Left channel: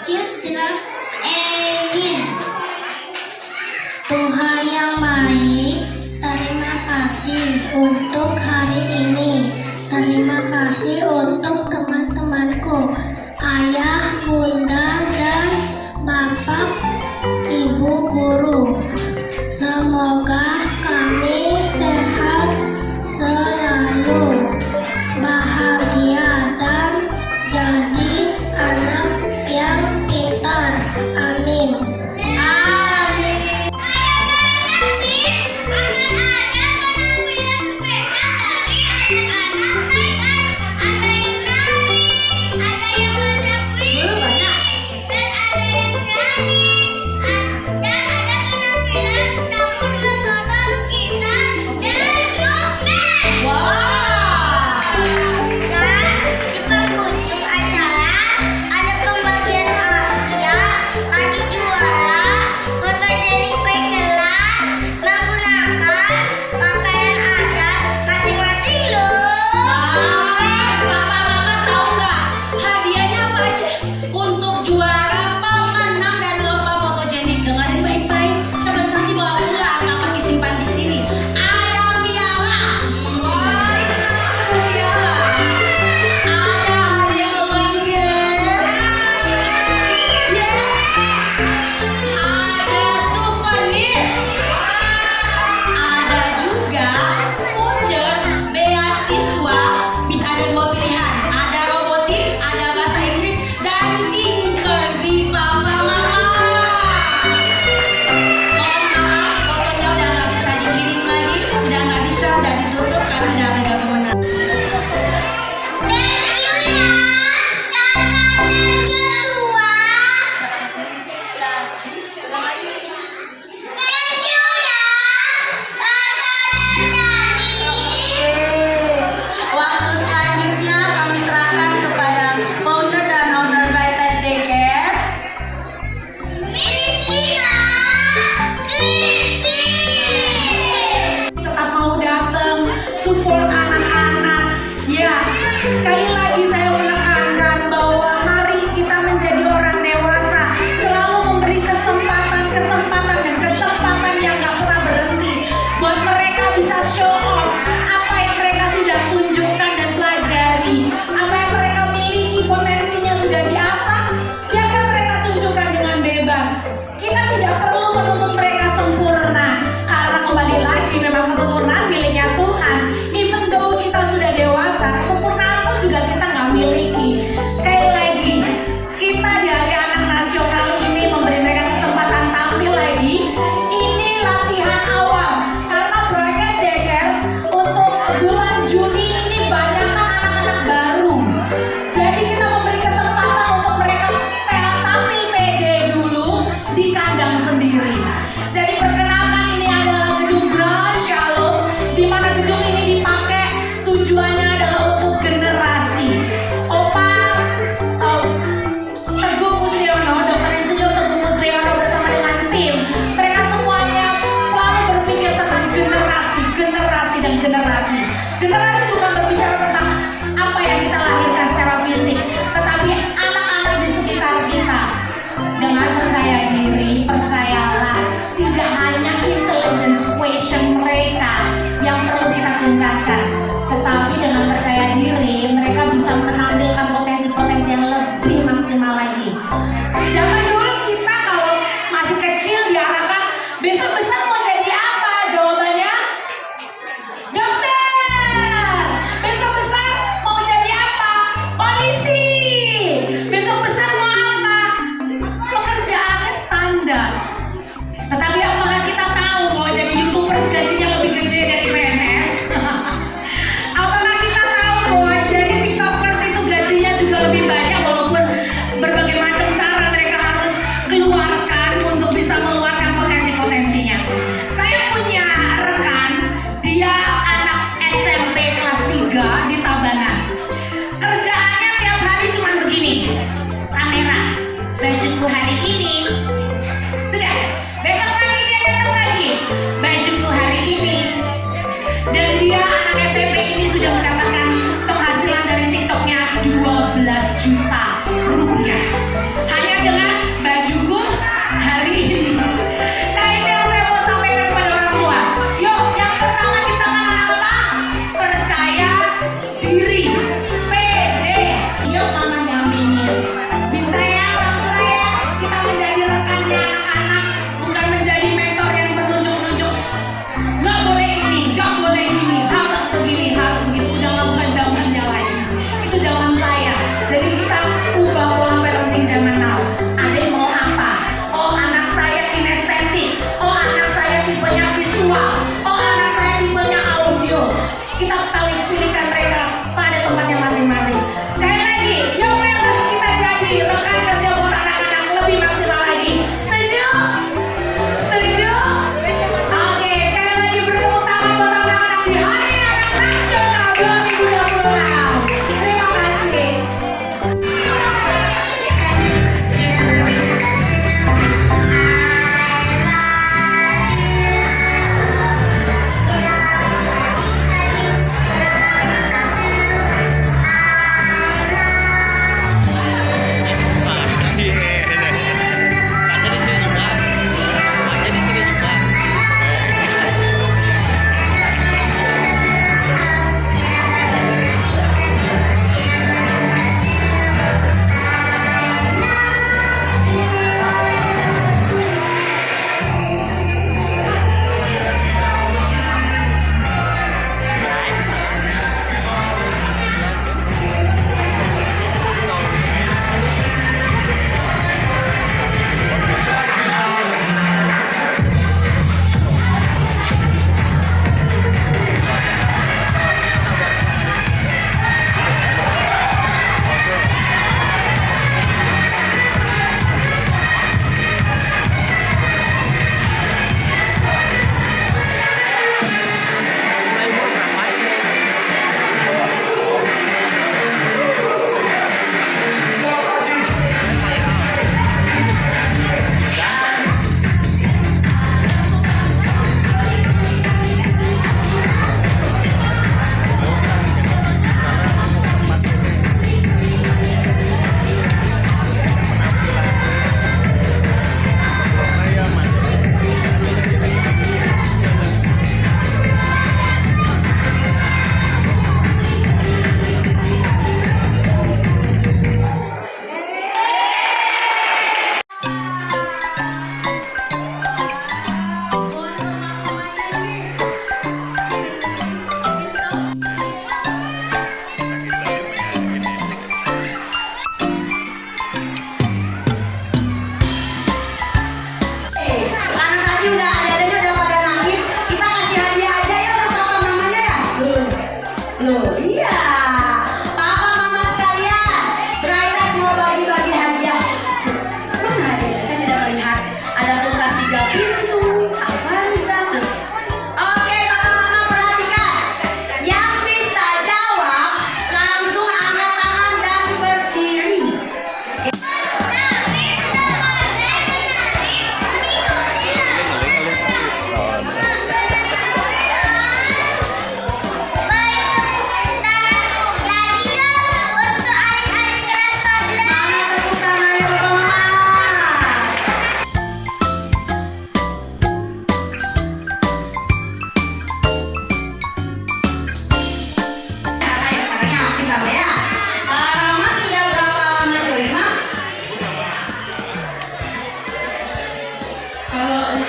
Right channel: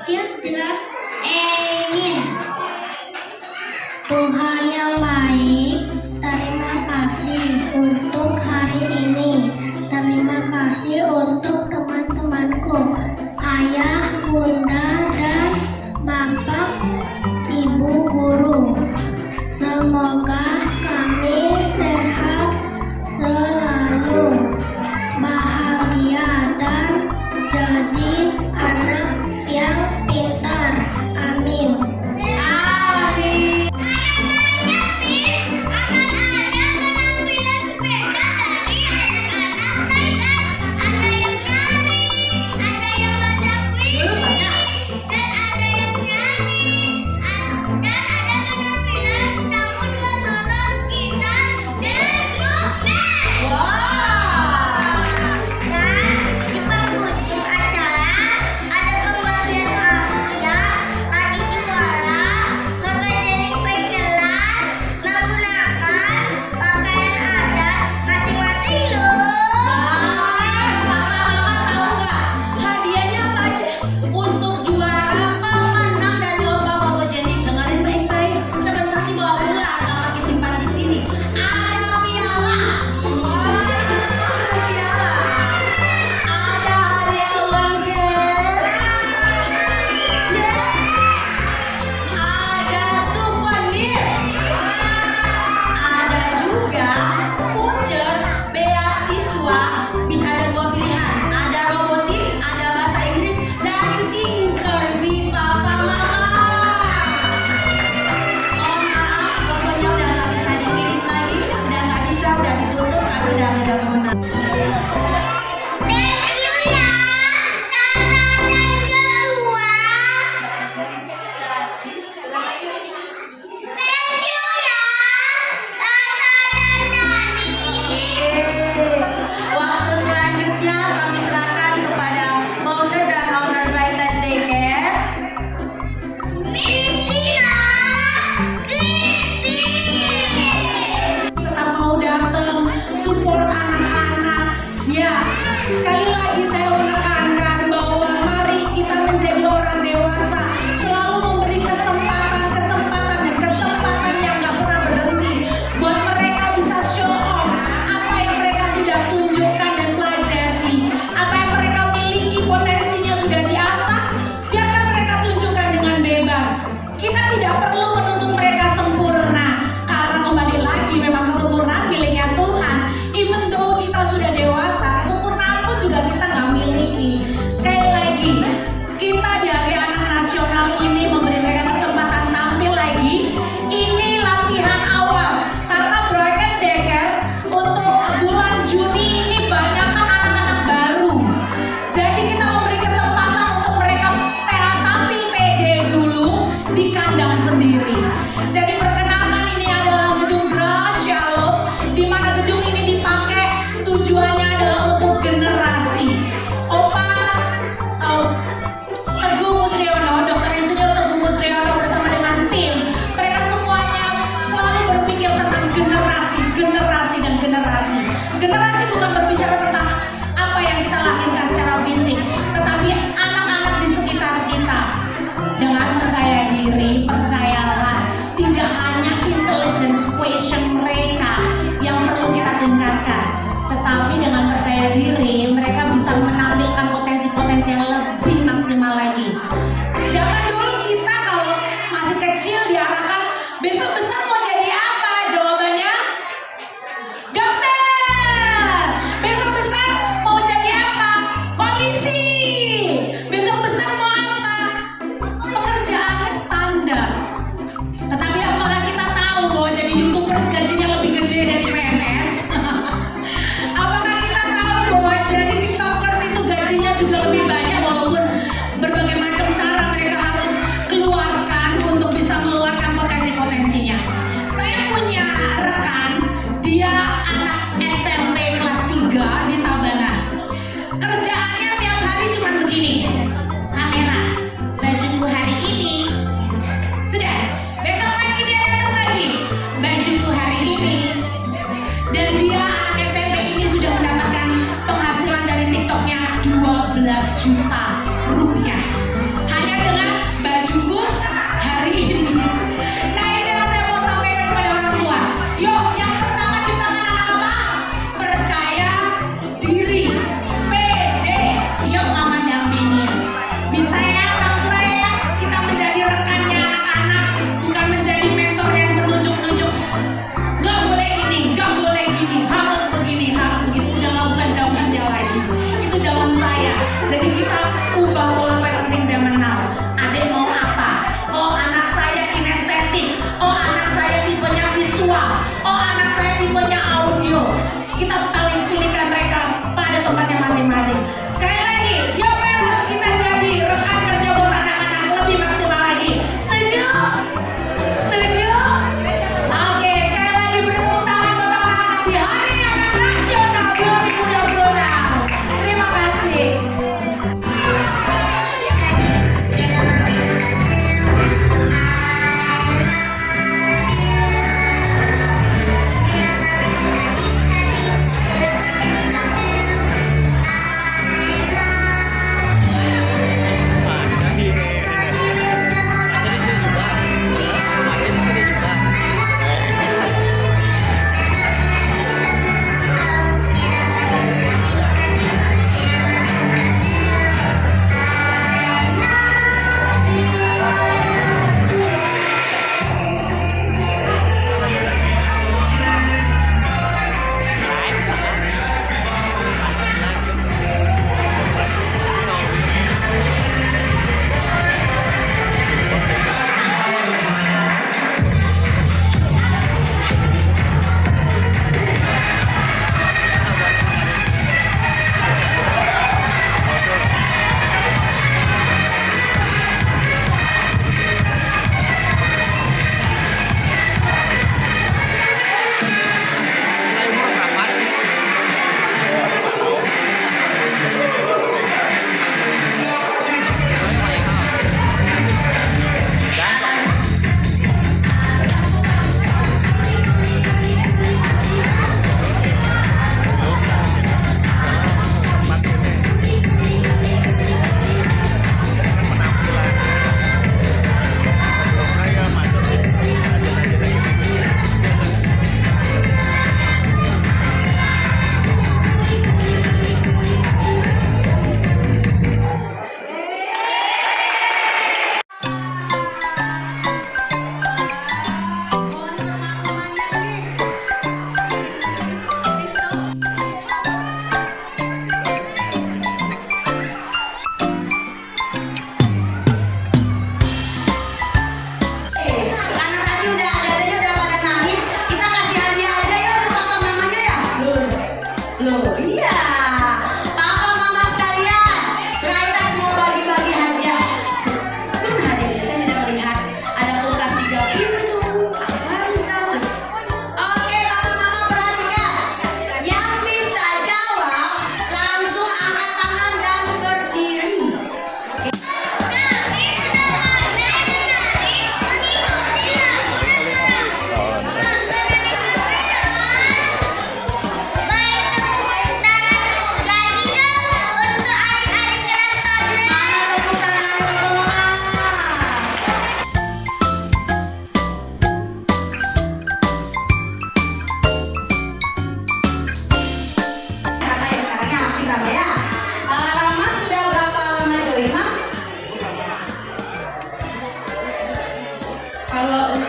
Children Amin. Tuhan yang baik, terima kasih untuk hari ini. Terima kasih untuk teman-temanku, ayah, bunda, dan bapak, ibu guru. Semoga kami sehat selalu, bahagia, dan jadi anak yang pintar. Amin.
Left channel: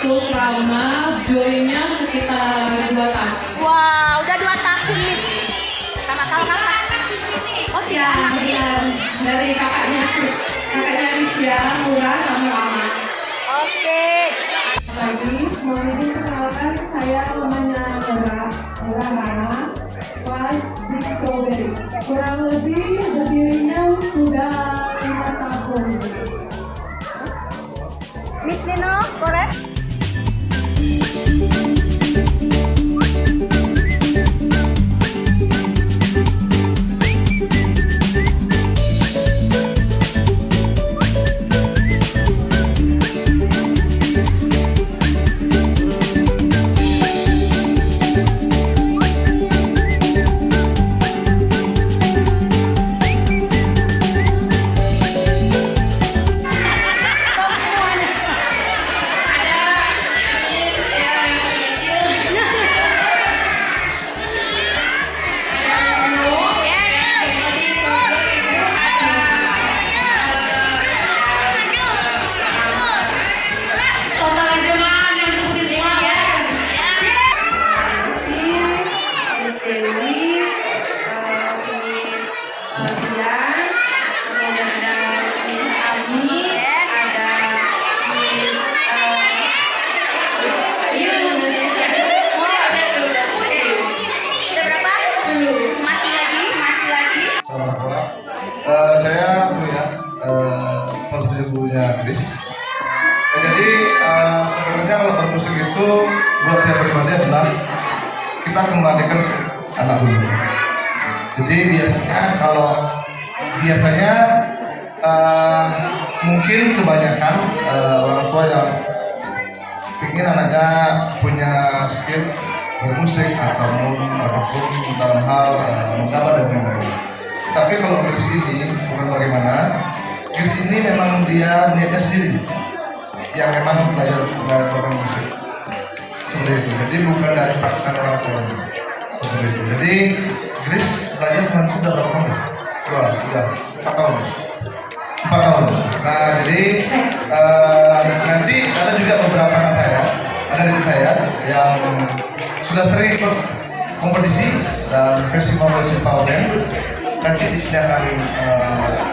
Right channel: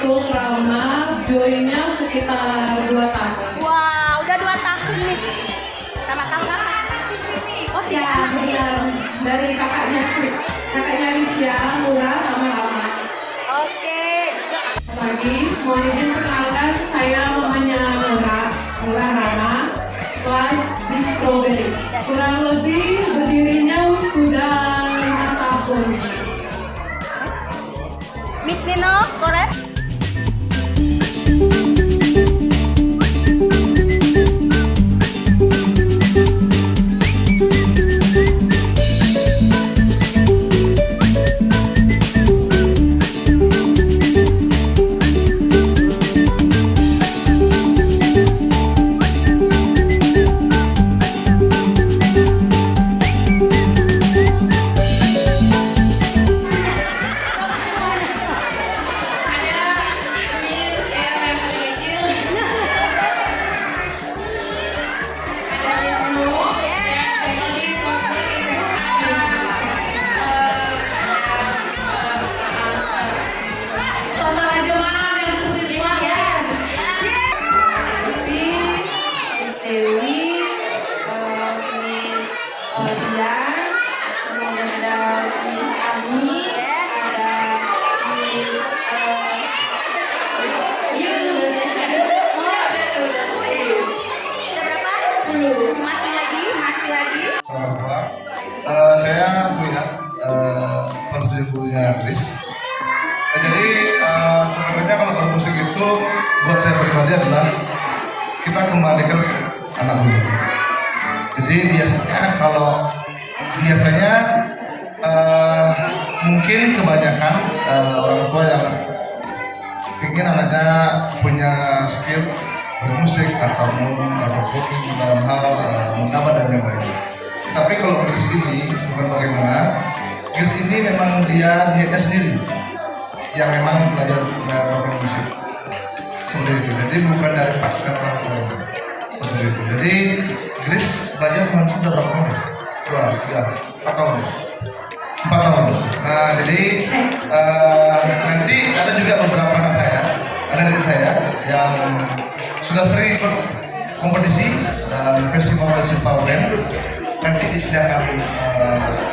untuk Rama, joinnya sekitar 2 tahun. Wow, udah 2 tahun Miss. Sama-sama. Oh Ya, benar. Dari kakaknya Risya, Nura, sama Rama. Oke. Lagi, mohon izin perkenalkan, saya mamanya Nura Rama, kelas di Strawberry. Kurang lebih berdirinya sudah 5 tahun. Miss Nino, boleh? Saya Surya, salah satu gurunya Chris. Jadi sebenarnya kalau bermusik itu buat saya pribadi adalah kita kembalikan anak dulu. Jadi biasanya mungkin kebanyakan orang tua yang ingin anaknya punya skill bermusik ataupun dalam hal menggambar dan yang lain. Tapi kalau Chris ini bukan bagaimana, Chris ini memang dia niatnya sendiri yang memang belajar musik seperti itu. Jadi bukan dari paksaan orang tua seperti itu. Jadi Chris belajar musik sudah berapa tahun? 4 tahun. 4 tahun. Nah jadi nanti ada juga beberapa anak saya, ada dari saya yang sudah sering ikut kompetisi dan festival Power. Nanti di sini akan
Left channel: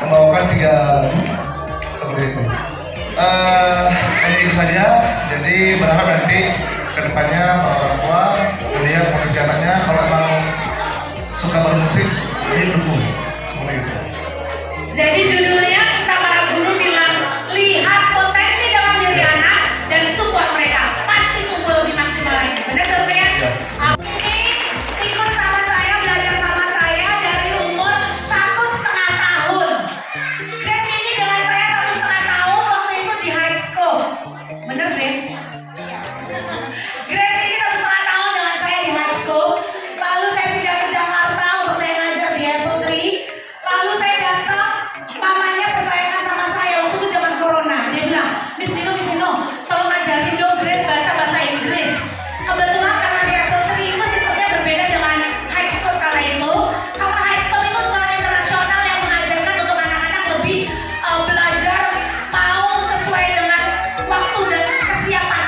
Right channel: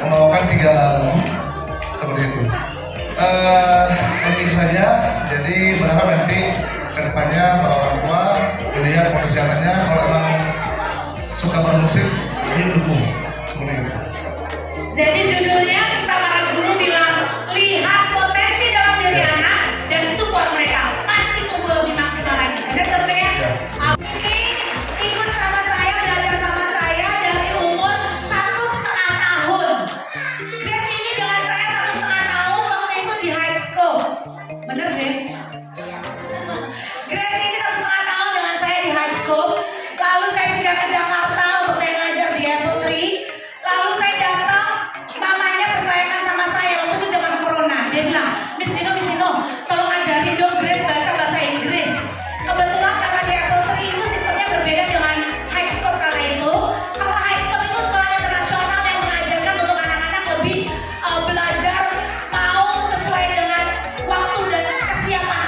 membawakan 3 lagu seperti itu. Ini saja. Jadi berharap nanti kedepannya para orang tua melihat kondisi anaknya, kalau memang suka bermusik, ayo dukung seperti itu. Jadi judulnya kita para guru bilang lihat potensi dalam diri anak dan support mereka, pasti tumbuh lebih maksimal lagi. Benar kan? Ya. Ikut sama saya, belajar sama saya dari umur 1,5 tahun. Grace ini dengan saya 1,5 tahun waktu itu di high school. Bener Grace? Grace ini 1,5 tahun dengan saya di high school. Lalu saya pindah ke Jakarta untuk saya ngajar di Apple Tree. Lalu saya datang, mamanya percayakan sama saya waktu itu zaman corona. Dia bilang, Miss Nino, tolong ajarin dong Grace baca bahasa Inggris. Kebetulan karena di Apple Tree itu sistemnya berbeda dengan high school kala itu. Kalau high school itu sekolah internasional yang mengajarkan untuk anak-anak lebih belajar mau sesuai dengan waktu dan kesiapan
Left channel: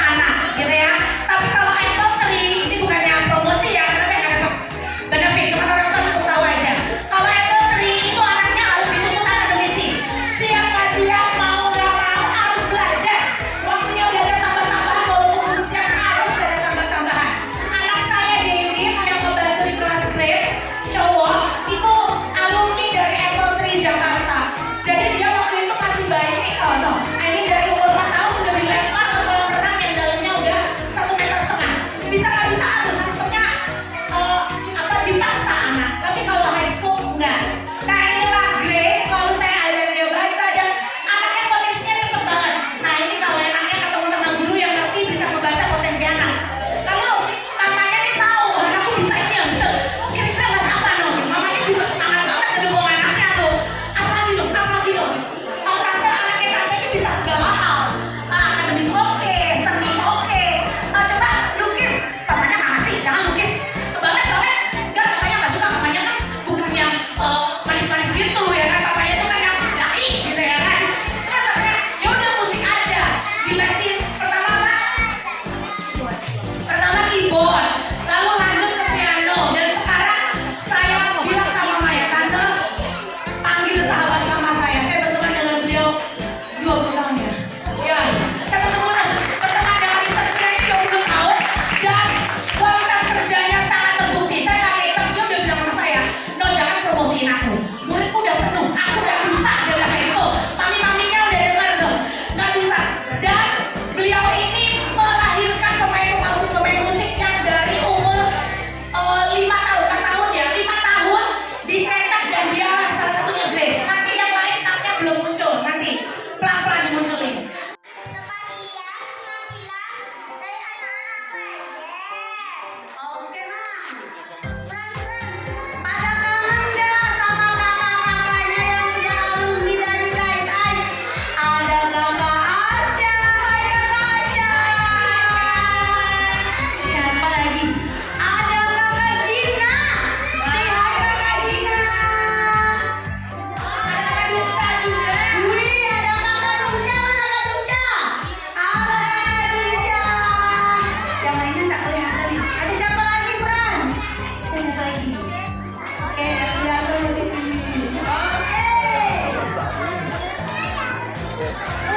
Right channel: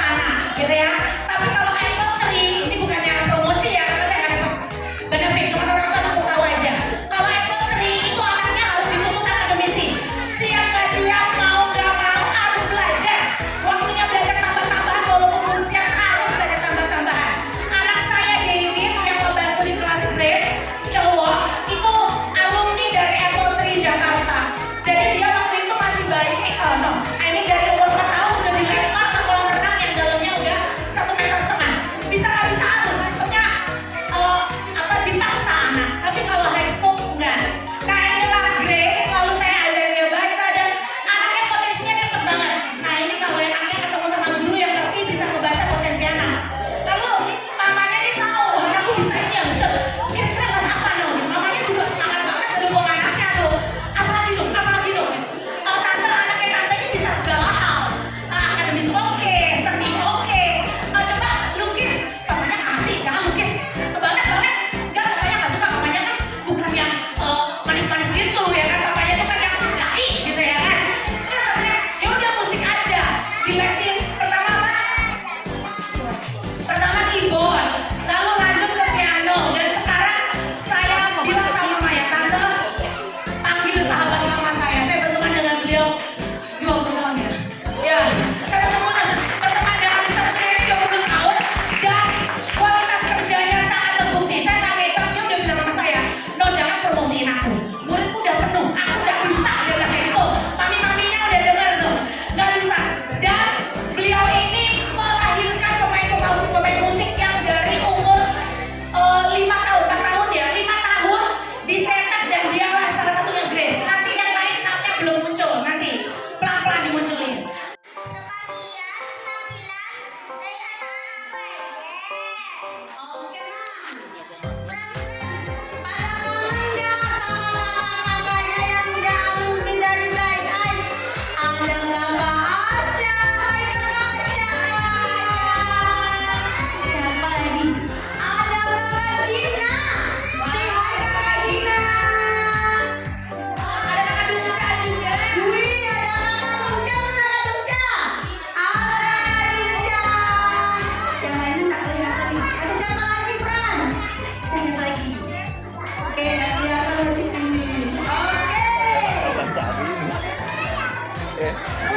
nanti. Pelan-pelan dimunculin. Oke, Mam. Pada kangen nggak sama kakak-kakaknya yang udah alumni dari Bright Eyes? Ada kakak Aca, hai kakak Aca. Siapa lagi? Ada kakak Gina. Say hai kakak Gina. Oh, ada kakak Dunca juga. Wih, ada kakak Dunca, mana kakak Dunca? Halo kakak Dunca. Yang lainnya tak kelihatan. Ada siapa lagi, Frans? Ada siapa lagi? Oke, nggak kelihatan di sini. Oke.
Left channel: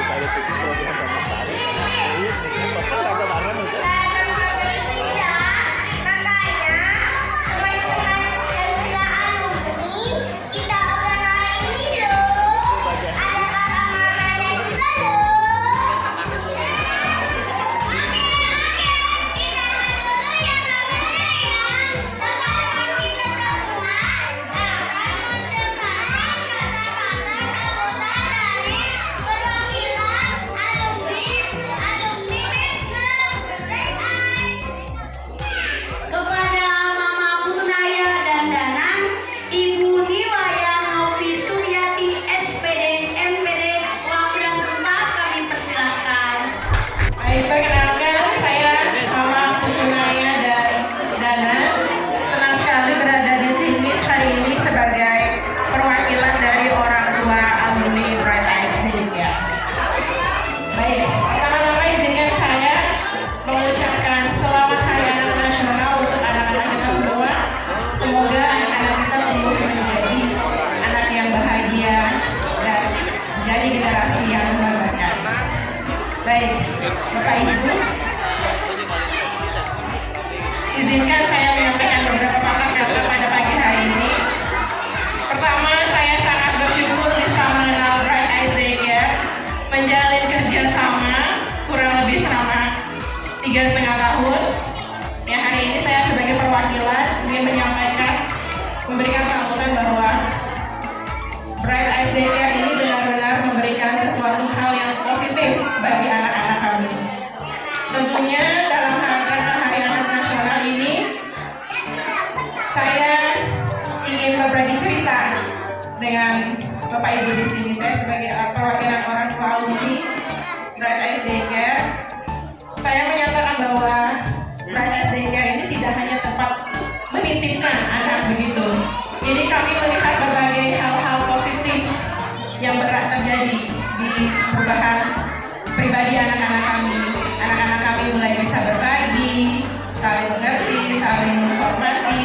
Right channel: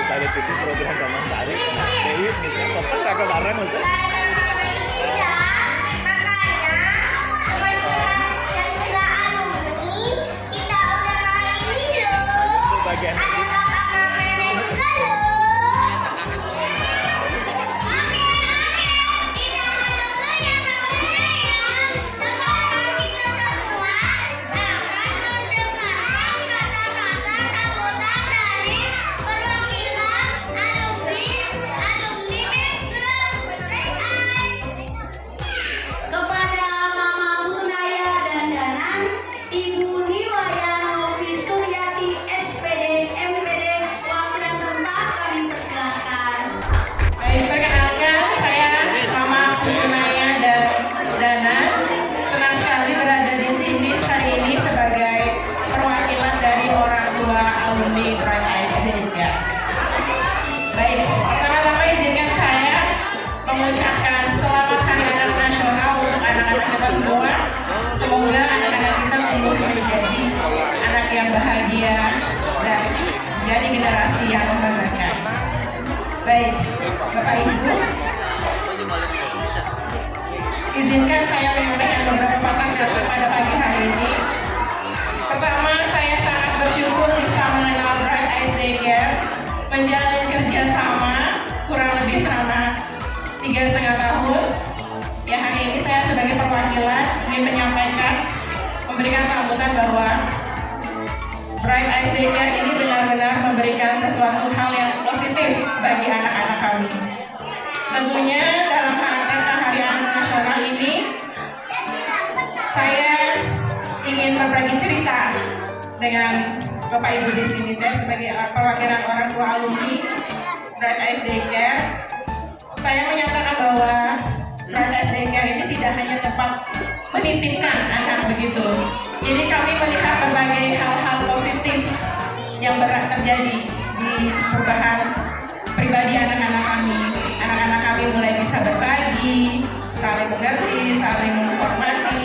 Kalau itu program zaman tadi, ini apa kata-kata itu? Kepada Mamaku Naya Dandanan, Ibu Niwaya Novi Suryati SPD MPD Wakil Tempat, kami persilahkan. Baik, perkenalkan saya Mama Naya dan Dana. Senang sekali berada di sini hari ini sebagai perwakilan dari orang tua alumni Bright Eyes Indonesia. Baik, pertama-tama izinkan saya mengucapkan selamat Hari Anak Nasional untuk anak-anak kita semua. Semoga anak-anak kita tumbuh menjadi anak yang bahagia dan jadi generasi yang membanggakan. Baik, Bapak Ibu, izinkan saya menyampaikan beberapa patah kata pada pagi hari ini. Pertama, saya sangat bersyukur bisa mengenal Bright Eyes Daycare, menjalin kerjasama kurang lebih selama 3,5 tahun. Ya, hari ini saya sebagai perwakilan ingin menyampaikan, memberikan sambutan bahwa Bright Eyes Daycare ini benar-benar memberikan sesuatu hal yang positif bagi anak-anak kami. Tentunya dalam rangka Hari Anak Nasional ini, saya ingin berbagi cerita dengan Bapak Ibu di sini. Saya sebagai perwakilan orang tua alumni Bright Eyes Daycare, saya menyatakan bahwa Bright Eyes Daycare ini tidak hanya tempat menitipkan anak begitu. Ini kami melihat berbagai hal-hal positif yang terjadi di perubahan pribadi anak-anak kami. Anak-anak kami mulai bisa berbagi, saling mengerti, saling menghormati,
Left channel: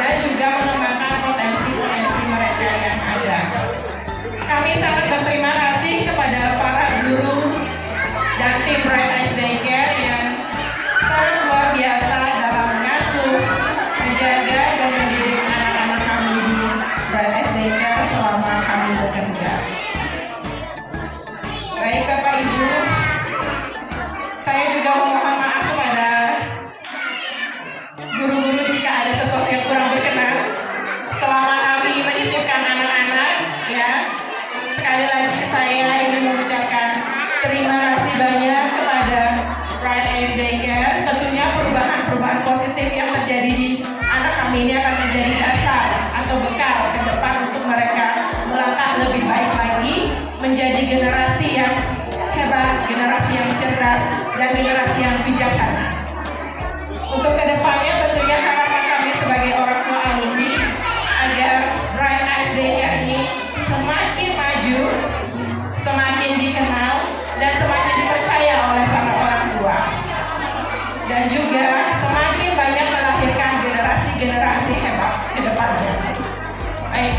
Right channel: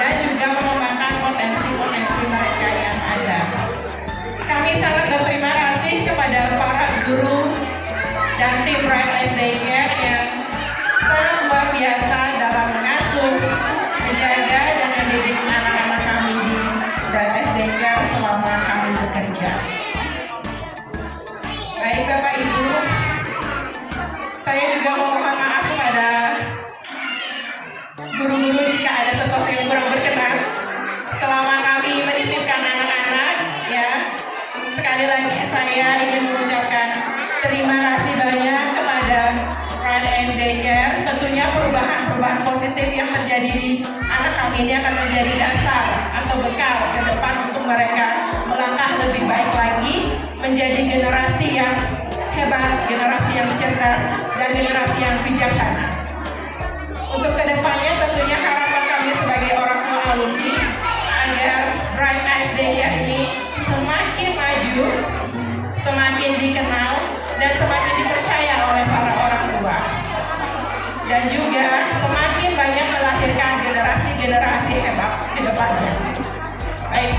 dan juga mengembangkan potensi-potensi mereka yang ada. Kami sangat berterima kasih kepada para guru dan tim Bright Eyes Daycare yang sangat luar biasa dalam mengasuh, menjaga, dan mendidik anak-anak kami di Bright Eyes Daycare selama kami bekerja. Baik Bapak Ibu, saya juga mohon maaf kepada guru-guru jika ada sesuatu yang kurang berkenan selama kami menitipkan anak-anak, ya. Sekali lagi saya ingin mengucapkan terima kasih banyak kepada Bright Eyes Daycare. Tentunya perubahan-perubahan positif yang terjadi di anak kami ini akan menjadi dasar atau bekal ke depan untuk mereka melangkah lebih baik lagi, menjadi generasi yang hebat, generasi yang cerdas, dan generasi yang bijaksana. Untuk kedepannya tentunya harapan kami sebagai orang tua alumni agar Bright Eyes Daycare ini semakin maju, semakin dikenal, dan semakin dipercaya oleh para orang tua, dan juga semakin banyak melahirkan generasi-generasi hebat ke depannya. Baik.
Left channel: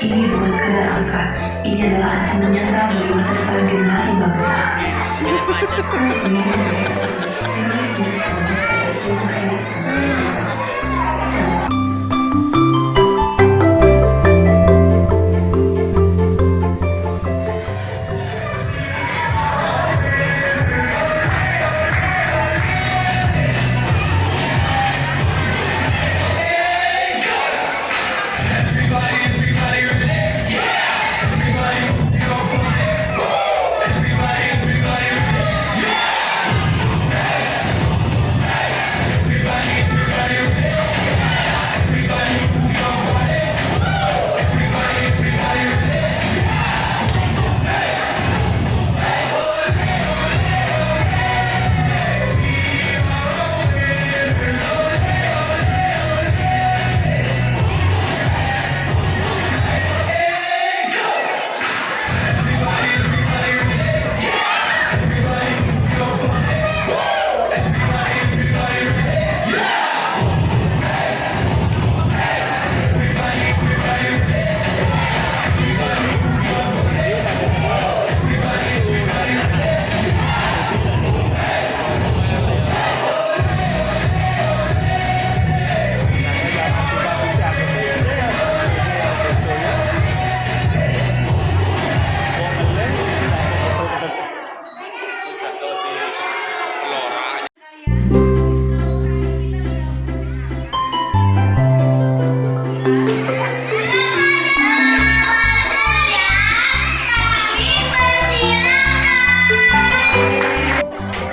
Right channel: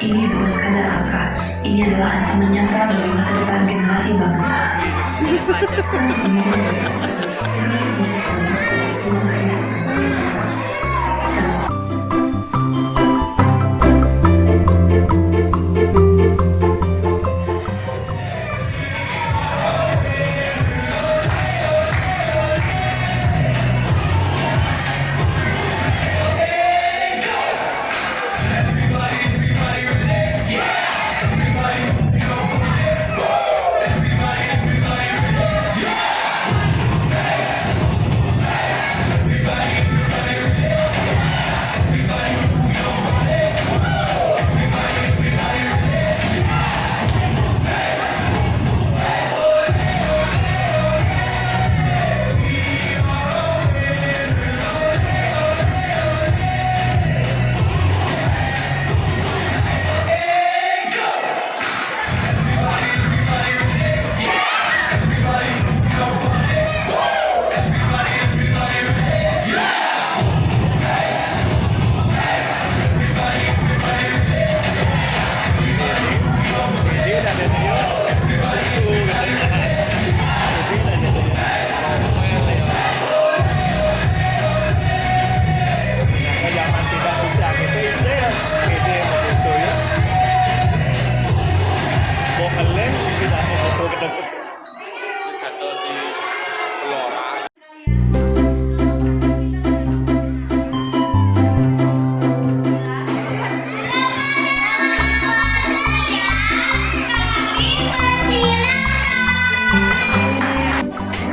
Ini bukan sekadar angka, ini adalah ancaman nyata bagi masa depan generasi bangsa. Sangat menyedihkan. Ini bisa kita semua.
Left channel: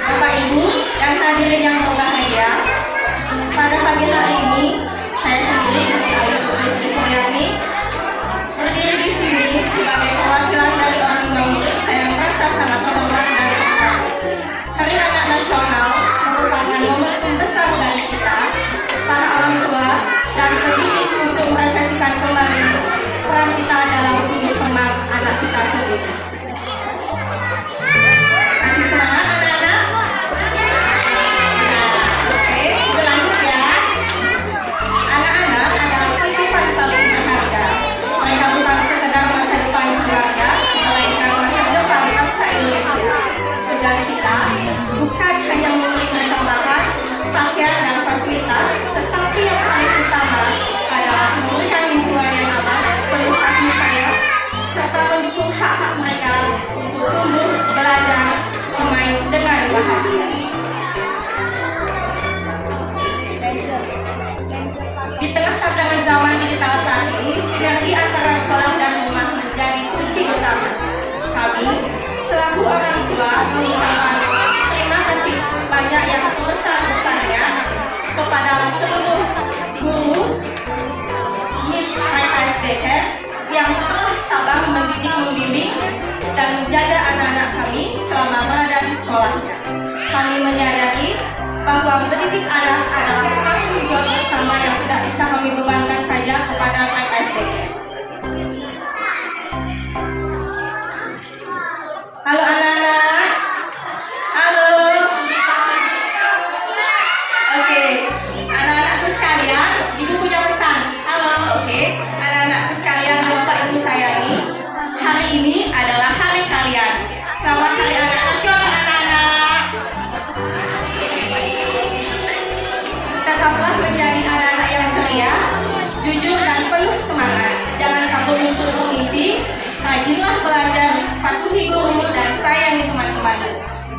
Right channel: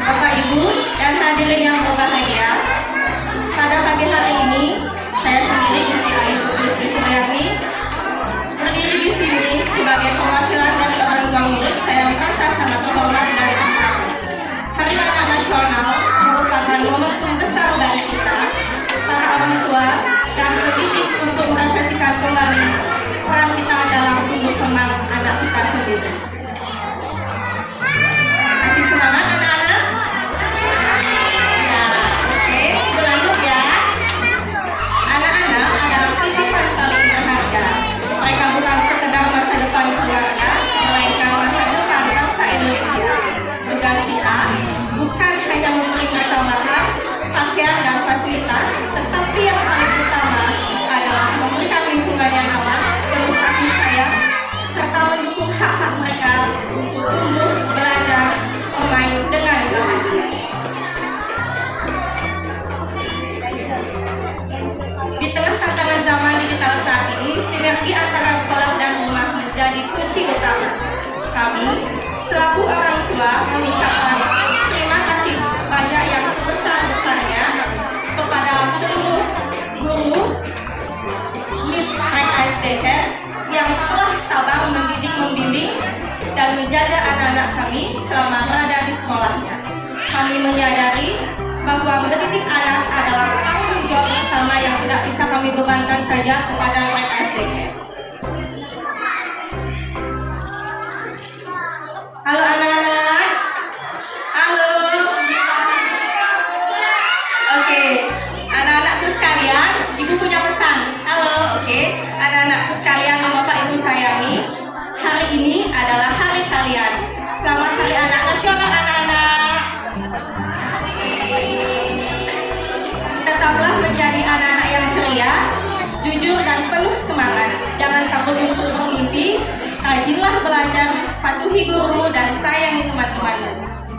Bapak Ibu dan hadirin yang berbahagia, pada pagi hari ini saya sendiri Istri Ayu Putri Suryani berdiri di sini sebagai perwakilan dari orang tua murid. Saya merasa sangat terhormat dan bangga. Hari Anak Nasional merupakan momentum besar bagi kita, para orang tua dan pendidik untuk merefleksikan kembali peran kita dalam tumbuh kembang anak kita sendiri. Masih semangat anak-anak? Oke, berlanjut ya. Anak-anak adalah titipan paling berharga. Mereka bukan sekedar masa depan keluarga, melainkan masa depan bangsa Indonesia. Tugas kita bukan hanya memberi mereka makan, pakaian, dan fasilitas, tetapi yang paling utama adalah memberikan lingkungan yang aman, penuh kasih sayang, serta mendukung hak-hak mereka untuk tumbuh, belajar, bermain dengan bahagia. Di tengah tantangan zaman digital saat ini, sinergi antara sekolah dan rumah menjadi kunci utama. Kami, selaku orang tua, mengucapkan terima kasih banyak yang sebesar-besarnya kepada seluruh guru Miss KSDK yang telah sabar mendidik, membimbing, dan menjaga anak-anak kami selama berada di sekolahnya. Kami menyadari bahwa mendidik anak adalah tanggung jawab bersama yang tidak bisa kami bebankan saja kepada KSDK. Halo anak-anak. Halo. Oke, anak-anakku sekalian, ibu punya pesan. Halo, oke. Anak-anakku sekalian, Bapak Ibu sayangi, hari ini adalah hari kalian. Selamat Hari Anak Nasional anak-anak. Tetaplah menjadi anak-anak yang ceria, jujur dan penuh semangat. Jangan takut untuk bermimpi, rajinlah belajar, patuhi guru dan sayangi teman-temanmu.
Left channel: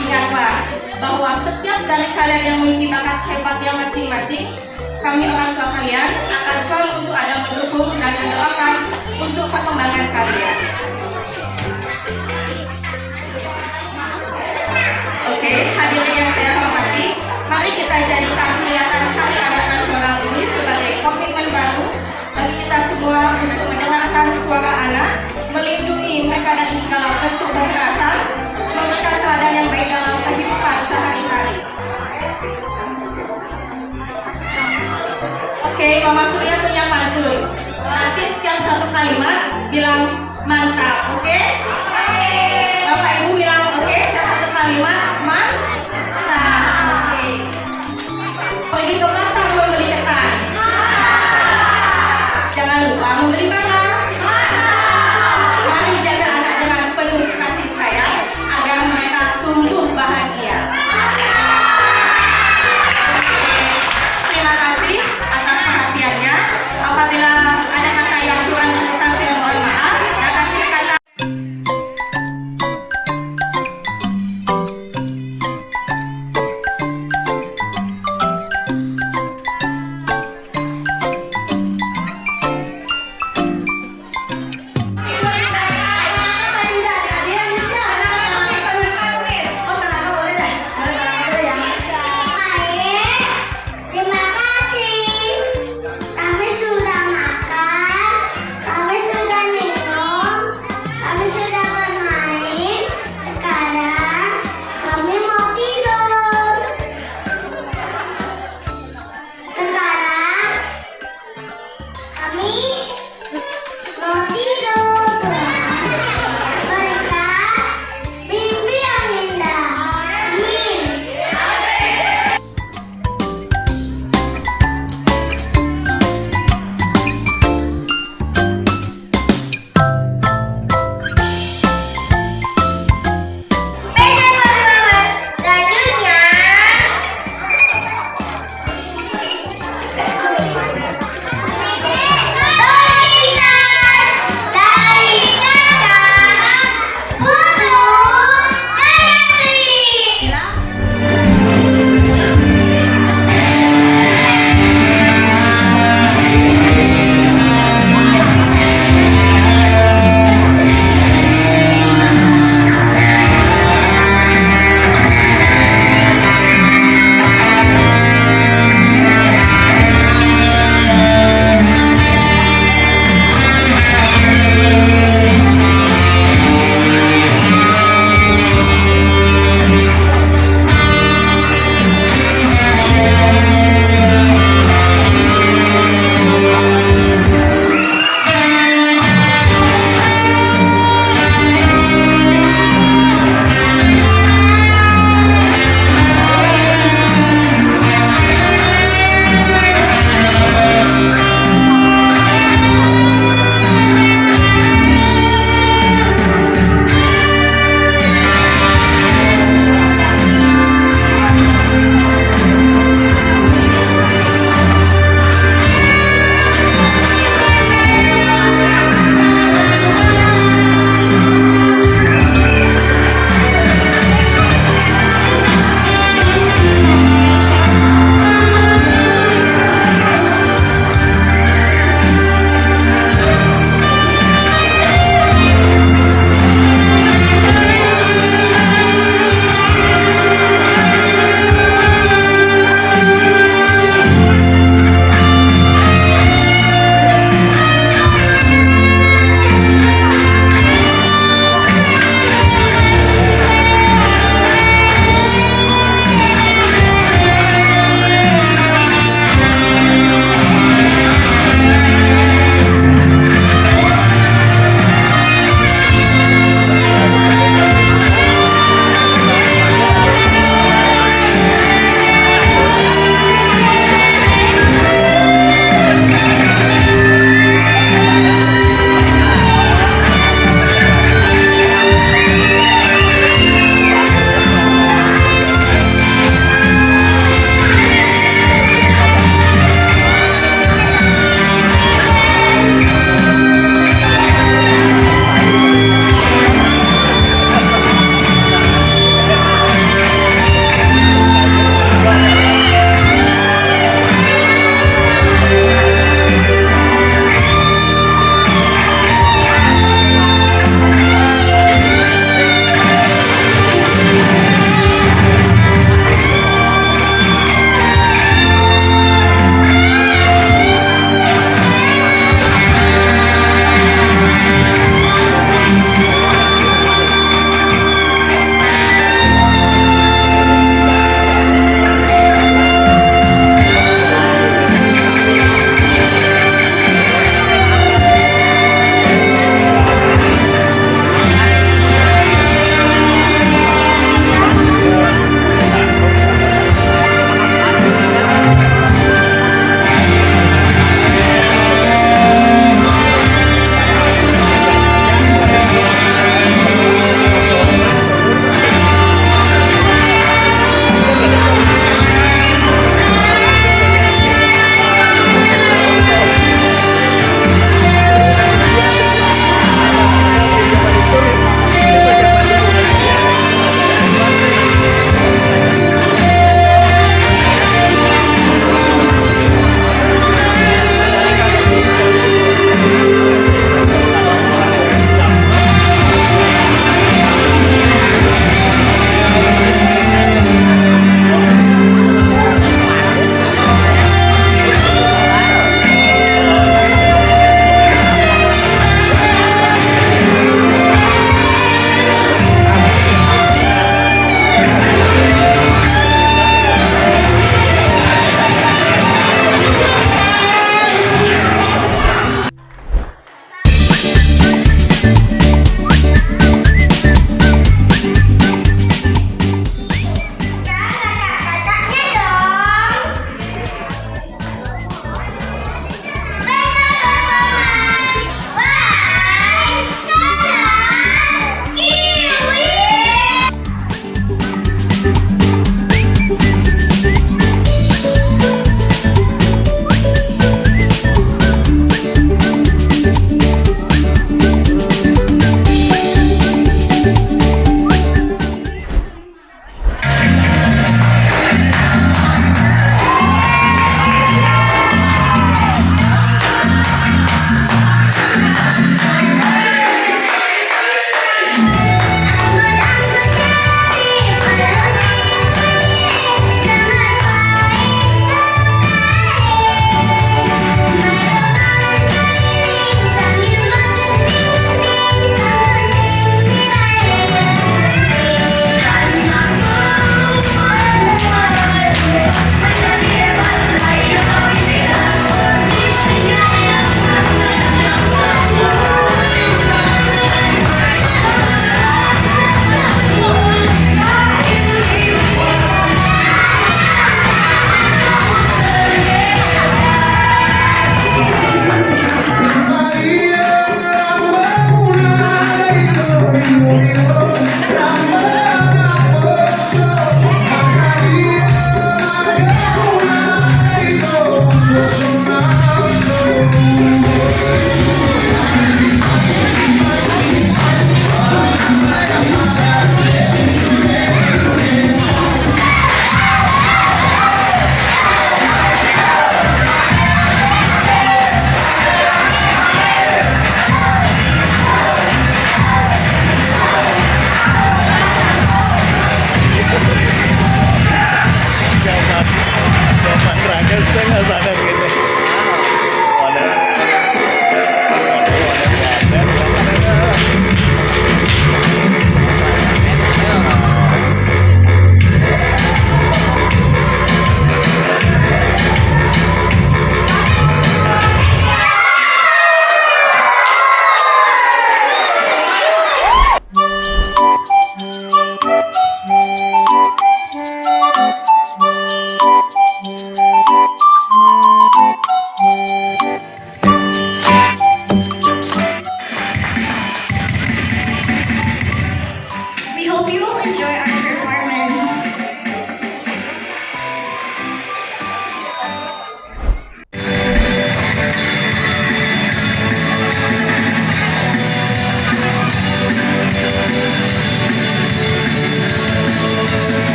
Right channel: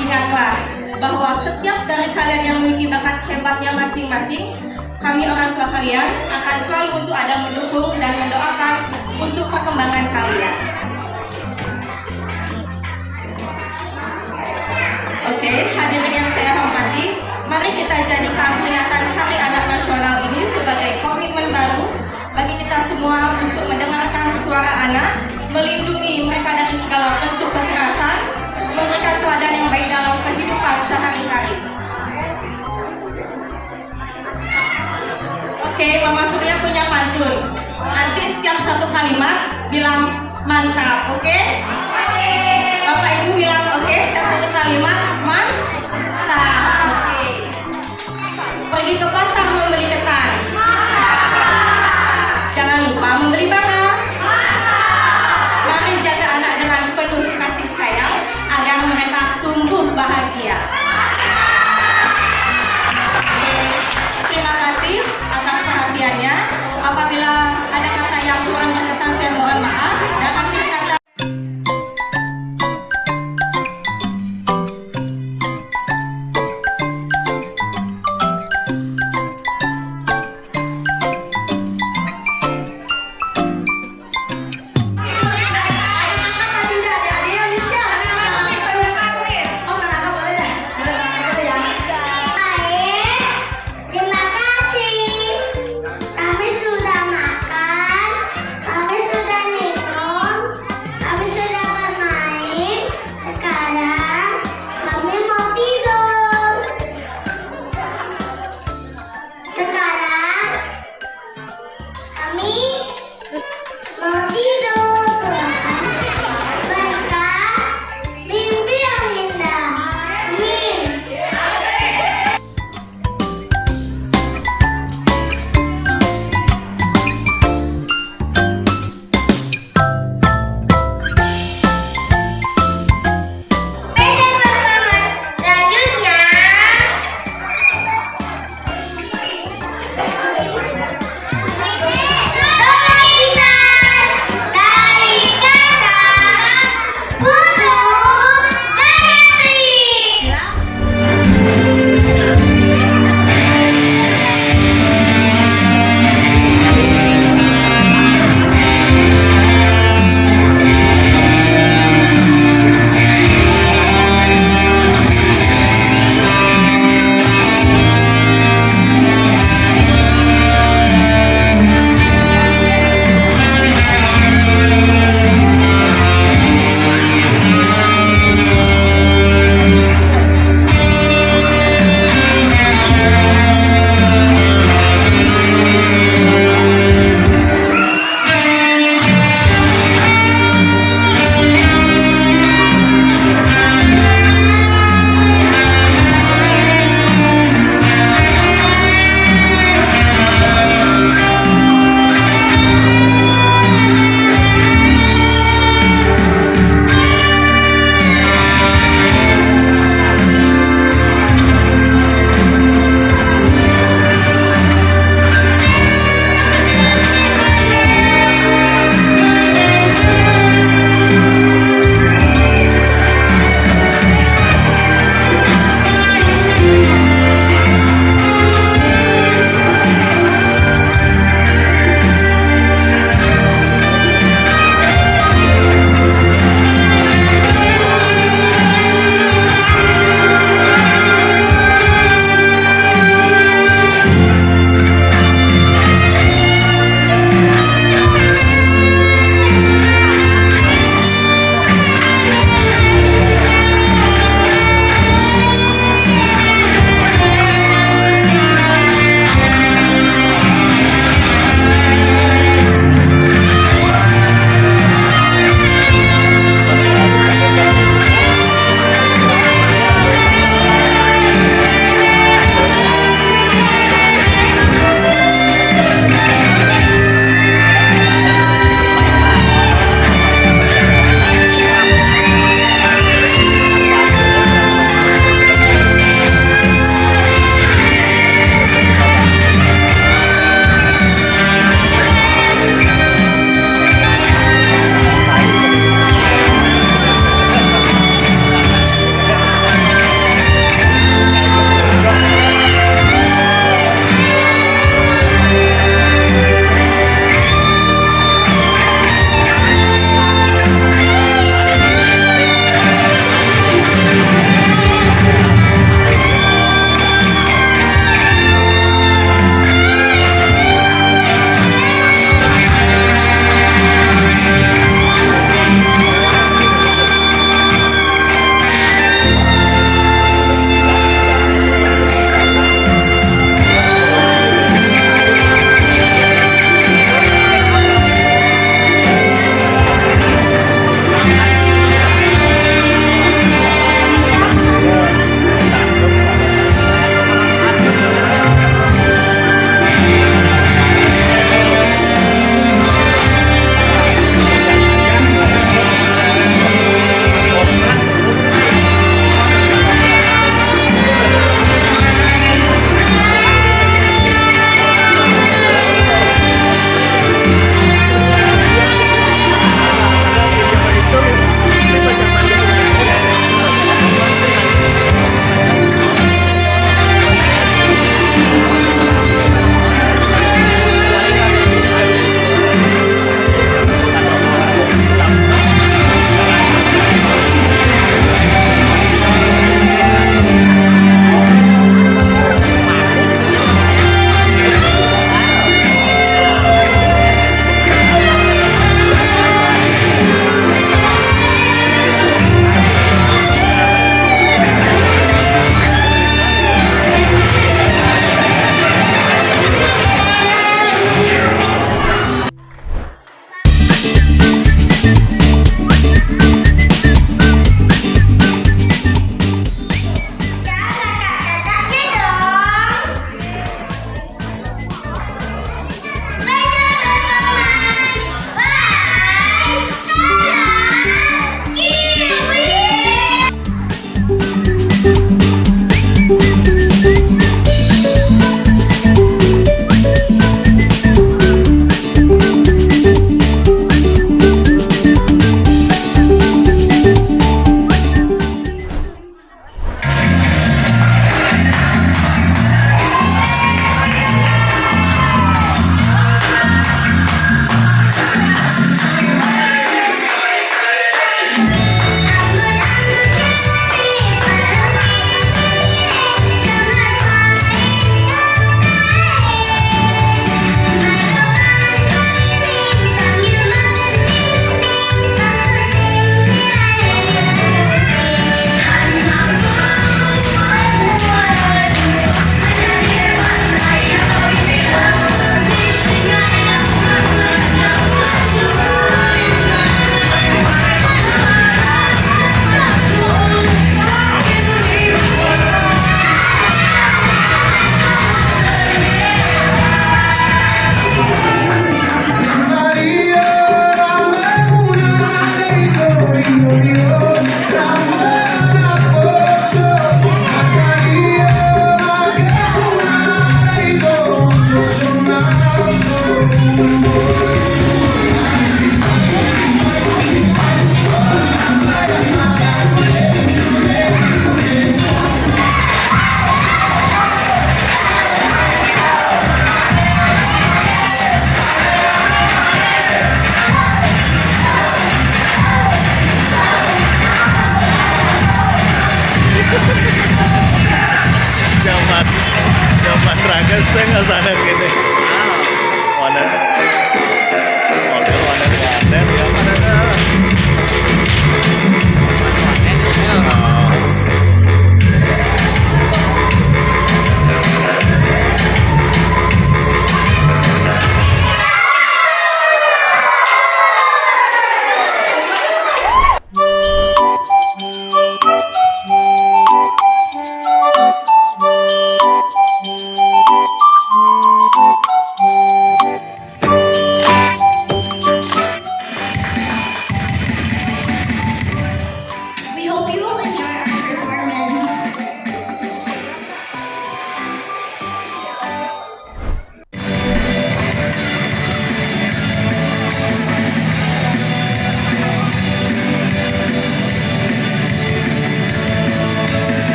Ingatlah bahwa setiap dari kalian yang memiliki bakat hebatnya masing-masing, kami orang tua kalian akan selalu untuk ada mendukung dan mendoakan untuk perkembangan kalian. Oke, hadirin yang saya hormati, mari kita jadikan peringatan Hari Anak Nasional ini sebagai komitmen baru bagi kita semua untuk mendengarkan suara anak, melindungi mereka dari segala bentuk kekerasan, memberikan teladan yang baik dalam kehidupan sehari-hari. Oke, Mama Surya punya pantun. Nanti setiap satu kalimat bilang mantap, oke? Bapak Ibu bilang oke, setiap satu kalimat mantap, oke. Pergi ke pasar membeli ketan. Jangan lupa membeli barang.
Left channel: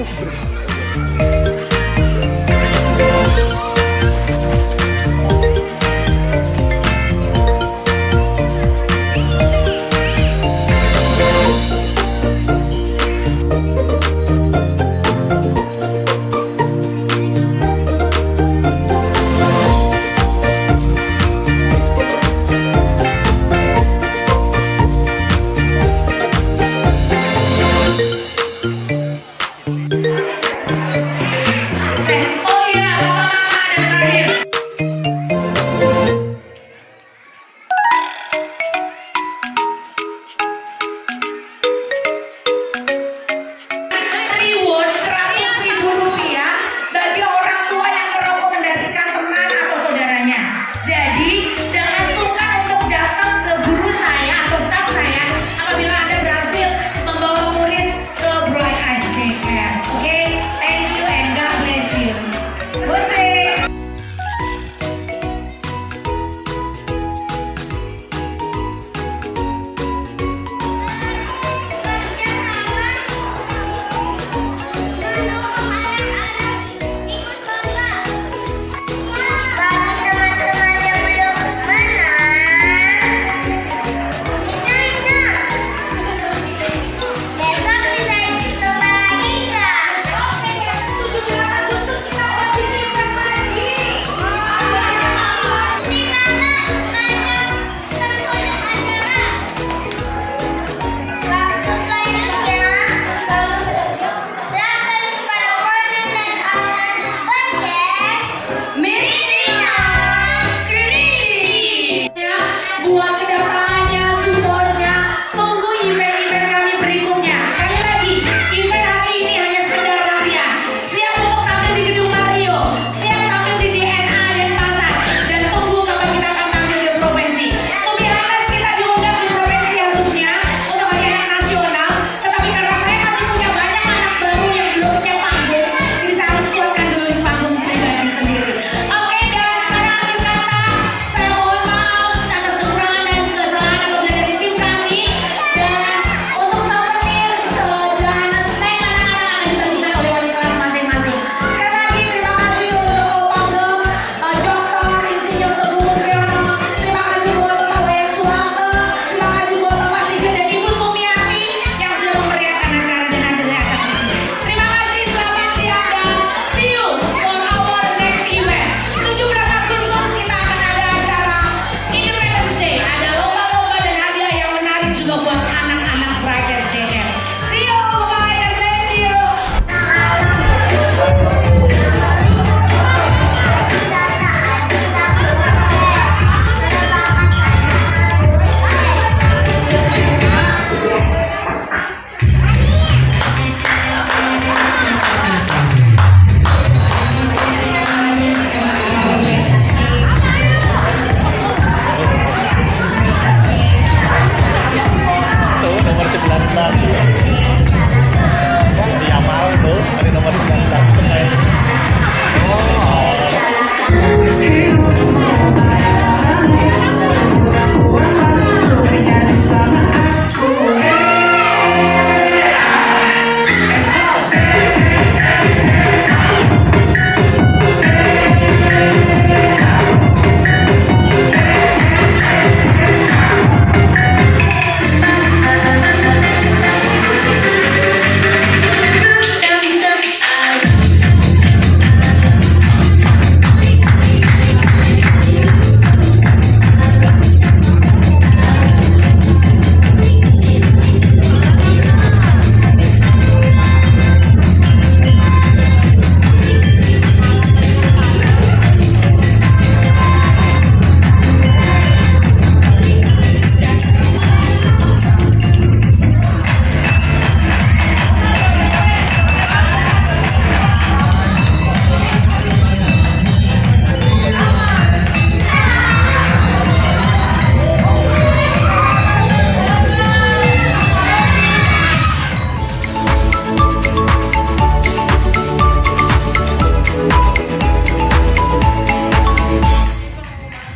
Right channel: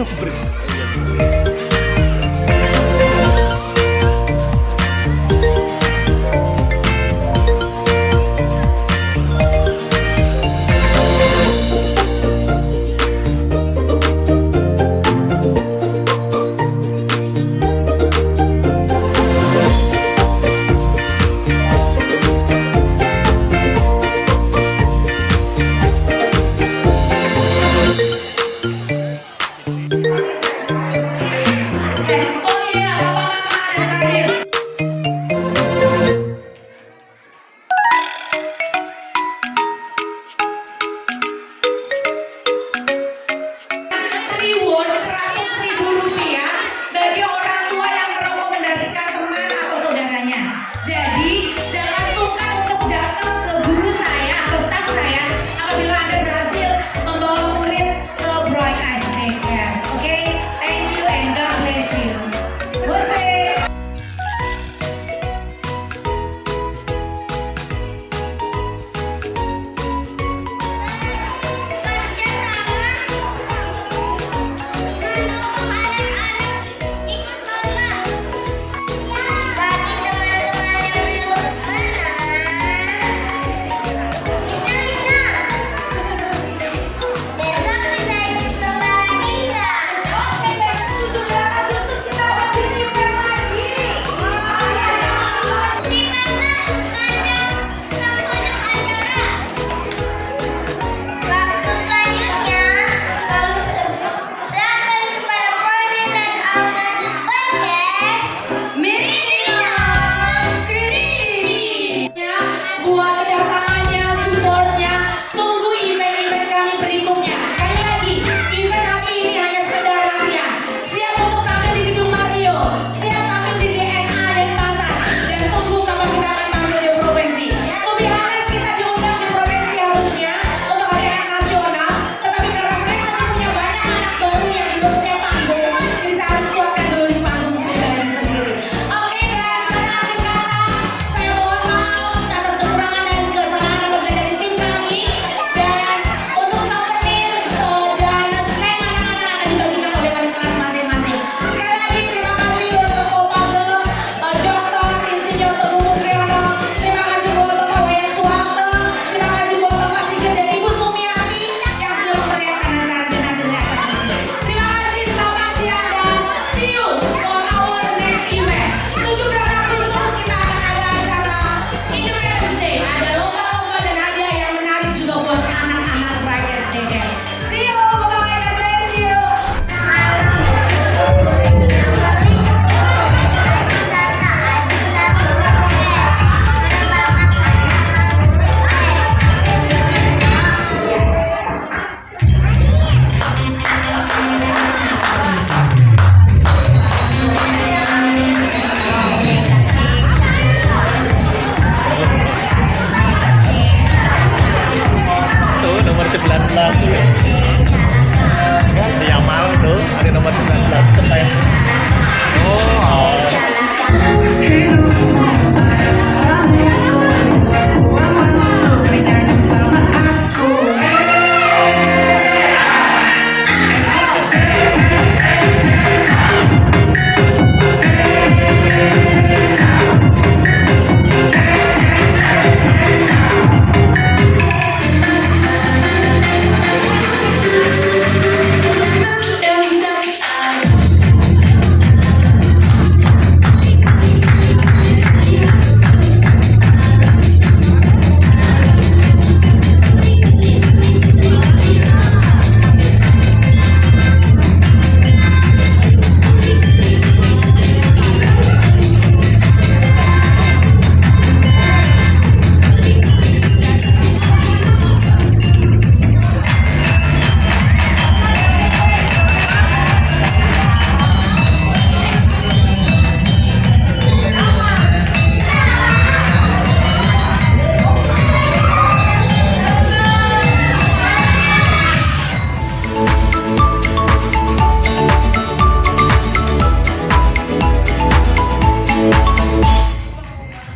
Berkah.